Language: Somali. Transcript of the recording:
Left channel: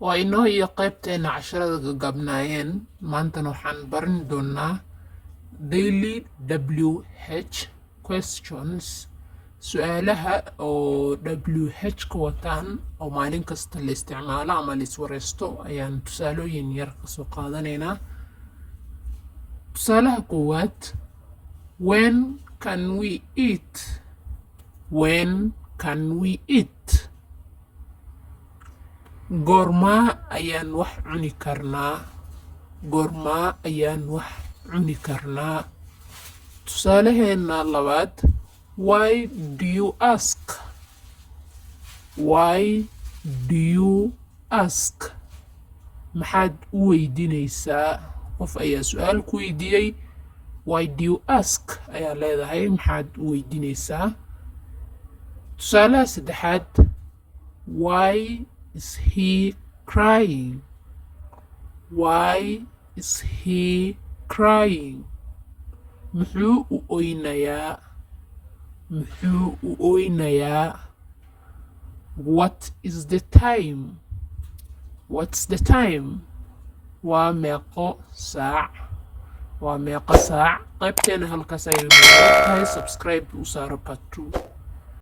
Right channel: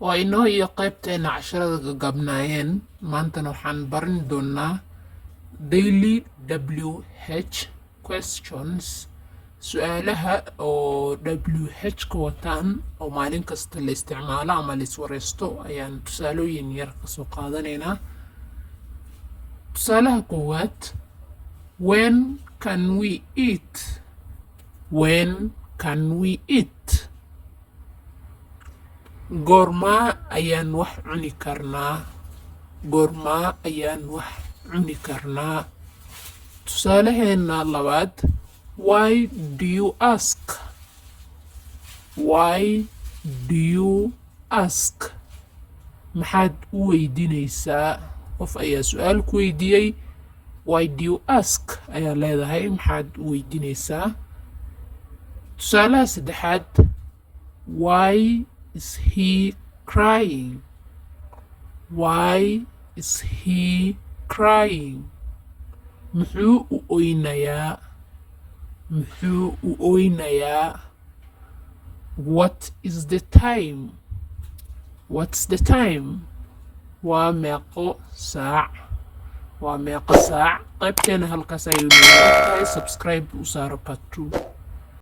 waa inoo iyo qaybteena casharada gagabnaayeen maantana waxaan baran doonaa daily WH questions su'aalaha oo WH ka wataan oo maalin kasta la isticmaalo ama la iswareysto ayaan tusaalooyin yar ka soo qaadanaynaa. Tusaalaha koowaad, when can we eat? When can we eat? goormaa ayaan wax cuni karnaa? goormaa ayaan wax cuni karnaa? tusaalaheena labaad, why do you ask? Why do you ask? maxaad u weydiinaysaa? qof ayaa su-aal ku weydiiyey, why do you ask ayaa leedahay, maxaad u weydiinaysaa? tusaalaha saddexaad, why is he crying? Why is he crying? muxuu u oynayaa? muxuu u oynayaa? What is the time? What's the time? waa meeqo saac? waa meeqo saac? qaybteena halkaas ayuu leeyahay. Subscribe u saaro part 2.